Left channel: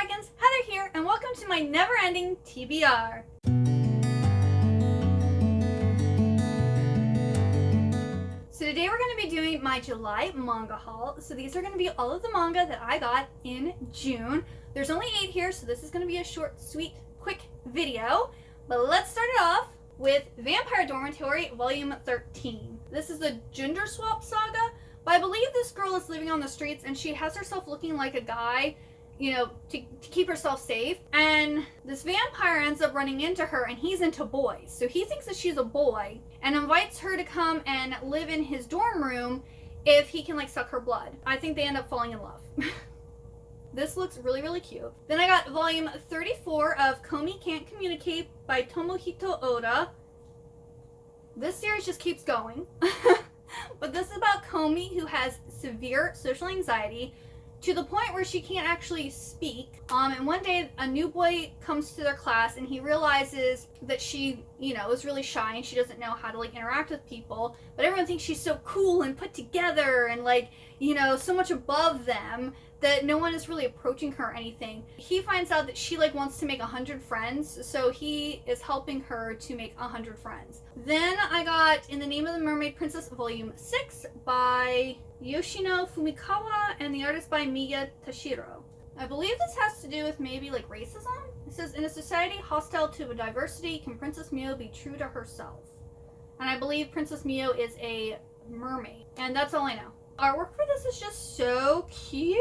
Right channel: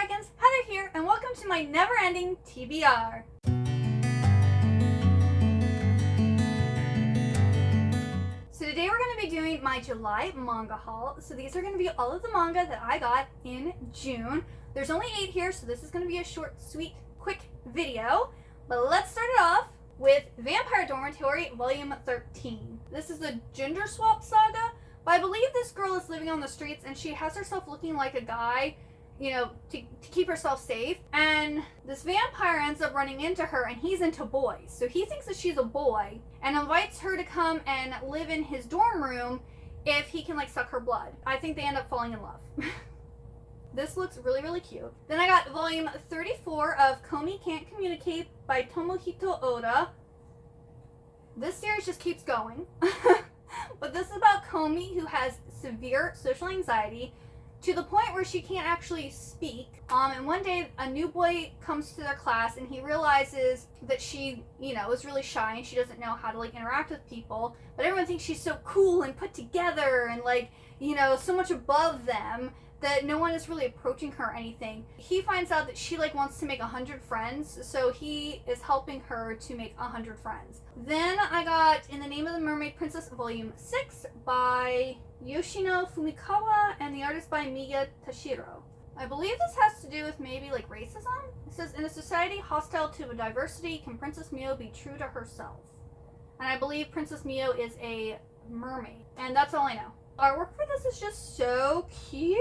Dragons, Heather here, and welcome to my never-ending TBR. So today we're going to be doing my July manga haul. So these are going to be all of the manga that I got in June. There's only 8 here, so this is going to be a short, sweet, quick video. But let's start it off with Vampire Dormitory Volume 13. This is the gender swap saga, but I believe this girl is living on the streets and she has herself looking like a guy, you know, to keep herself safe. And this vampire ends up running into her, and he's into boys. So he thinks that she's a boy and invites her to come and live in his dorm room if he can, like, suck her blood. I think they end up falling in love. This looks really, really cute. Then I got volume 34 of Komi Can't Communicate by Tomohito Oda. This series just keeps going. But this is about Komi, who has severe social anxiety to the point where she can't actually speak. And one day a new boy comes to their class and he realizes that she, you know, is really shy and she doesn't know how to, like, interact with people. But everyone thinks she's so cool and put together and, like, you know, so much above them that no one is really approaching her or anything. He finds out that she, like, wants to make 100 friends, so he is helping her to make 100 friends. Then I got In the Name of the Mermaid Princess Volume 6 by Yoshino Fumikawa and the artist by Miya Tashiro. I believe this has to do with maybe, like, racism. It says, in a society hostile to diversity, can Princess Mio be true to herself? And I believe Princess Mio is a mermaid. And that's all I know. Artwork for this is just so cute.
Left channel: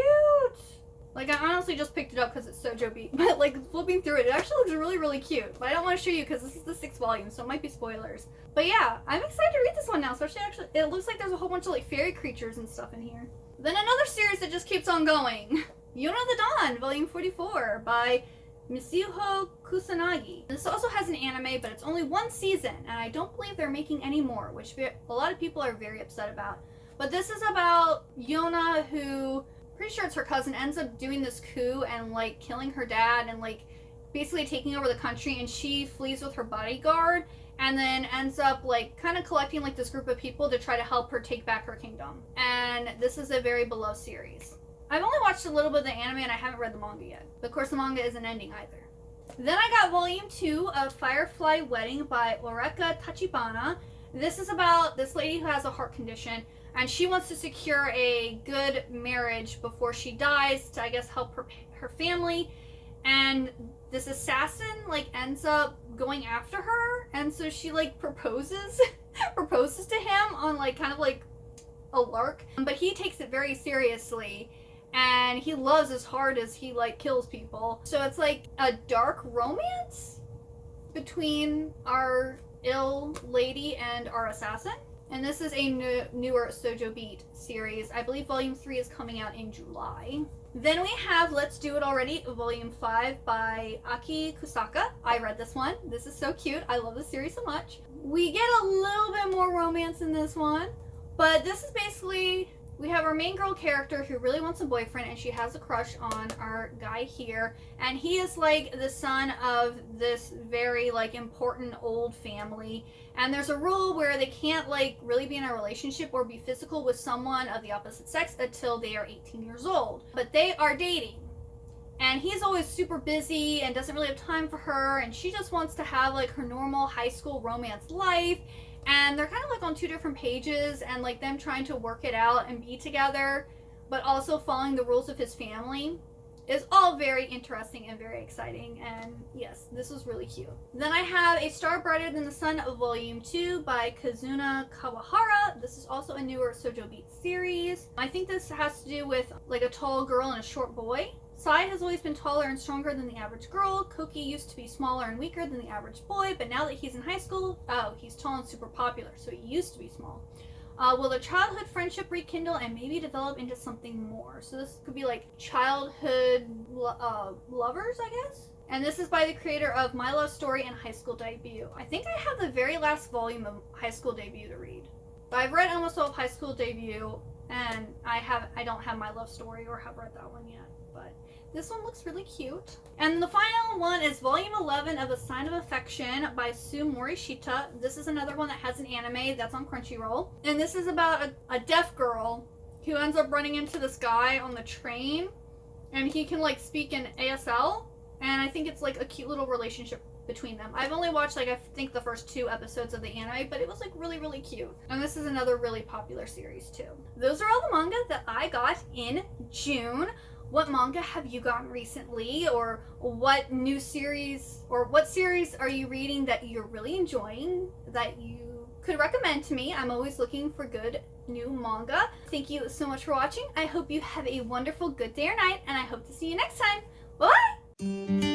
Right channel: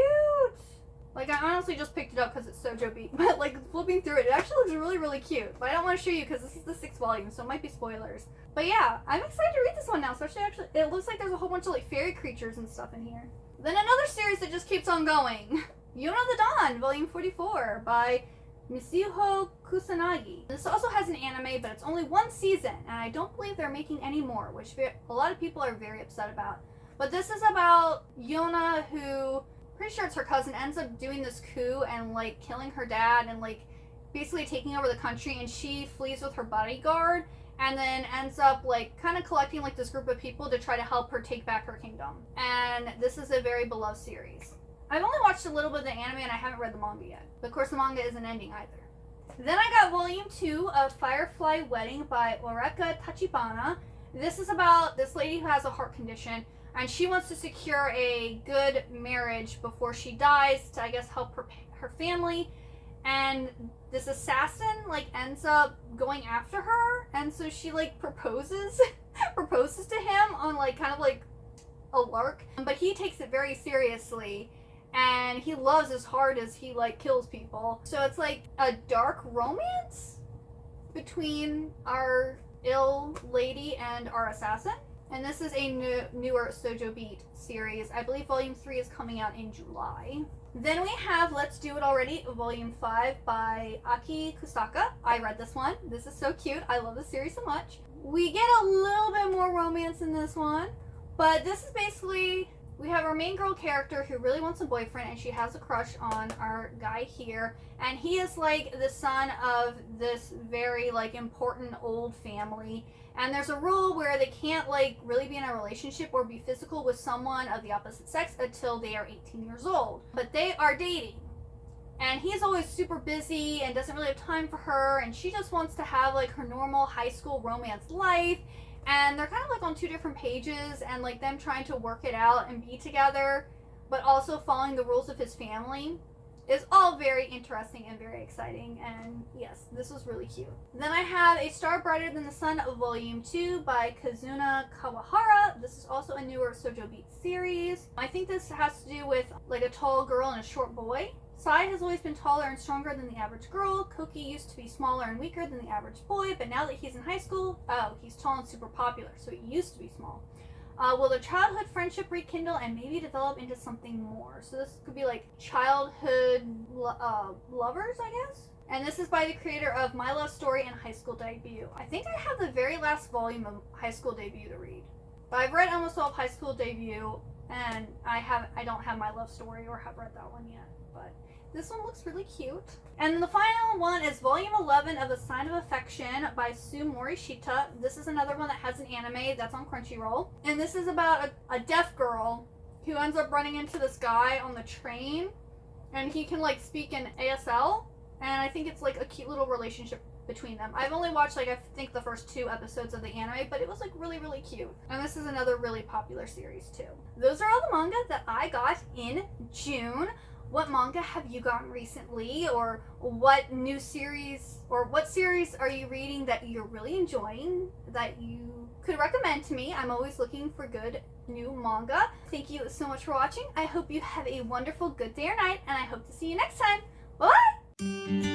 Like, I honestly just picked it up because it's Shojo Beat, but, like, flipping through it, it actually looks really, really cute. But I don't want to show you because this is the 6th volume, so it might be spoilers. But yeah, I'm excited to read this one now, especially it looks like there's a whole bunch of, like, fairy creatures and stuff in here. Then another series that just keeps on going. Yona the Dawn, Volume 44 by Mitsuho Kusanagi. This also has an anime, but it's only 1 season, and I don't believe they're making any more, which a lot of people are very upset about. But this is about Yona, who, pretty sure it's her cousin, ends up doing this coup and, like, killing her dad and, like, basically taking over the country, and she flees with her bodyguard and then ends up, like, kind of collecting, like, this group of people to try to help her take back her kingdom. And this is a very beloved series. I've only watched a little bit of the anime and I haven't read the manga yet. But of course the manga isn't ending either. Then I got volume 2 of Firefly Wedding by Oreka Tachibana. This is about this lady who has a heart condition, and she wants to secure a good marriage before she dies to, I guess, help her family. And this assassin, like, ends up going after her, and so she, like, proposes to him on, like, kind of like a lark. But he takes it very seriously, and he loves as hard as he, like, kills people. So it's like a dark romance between our ill lady and our assassin. And this is a newer Shojo Beat series. I believe Volume 3 is coming out in July. Then we have Let's Do It Already, Volume 5 by Aki Kusaka. I read this one. This is so cute. I love this series so much. We get a little bit more romance in this one, but this is basically, we have our main girl character who really wants a boyfriend, and she has a crush on our guy here. And he is, like, the son of this very, like, important old family. And there's a rule where they can't, like, really be in a relationship or be physical with someone of the opposite sex until they are 18 years old. But they are dating. And he's always super busy and doesn't really have time for her. And she just wants to have, like, her normal high school romance life. And they're kind of, like, on 2 different pages, and, like, them trying to work it out and be together, but also following the rules of his family is all very interesting and very exciting. And yes, this was really cute. Then I have A Star Brighter Than the Sun Volume 2 by Kazuna Kawahara. This is also a newer Shojo Beat series. I think this has to do with, like, a tall girl and a short boy. Sai has always been taller and stronger than the average girl. Koki used to be smaller and weaker than the average boy, but now that he's in high school, he's tall and super popular, so he used to be small. Will their childhood friendship rekindle and maybe develop into something more? So this could be, like, childhood lovers, I guess? And this is by the creator of My Love Story and High School Debut. I think I have the very last volume of High School Debut to read. But I've read almost all of High School Debut, and I don't have My Love Story or have read that one yet. But this one looks really cute. And the final one is Volume 11 of A Sign of Affection by Sue Morishita. This is another one that has an anime that's on Crunchyroll. And this is about a deaf girl who ends up running into this guy on the train. and he can like speak in ASL, and I think it's like a cute little relationship between them. I've only watched like I think the first 2 episodes of the anime, but it was like really, really cute. And this is another really popular series too. Those are all the manga that I got in June. What manga have you gotten recently, or what new series, or what series are you reading that you're really enjoying that you could recommend to me? I'm always looking for good new manga. Thank you so much for watching. I hope you have a wonderful good day or night, and I hope to see you next time. Bye!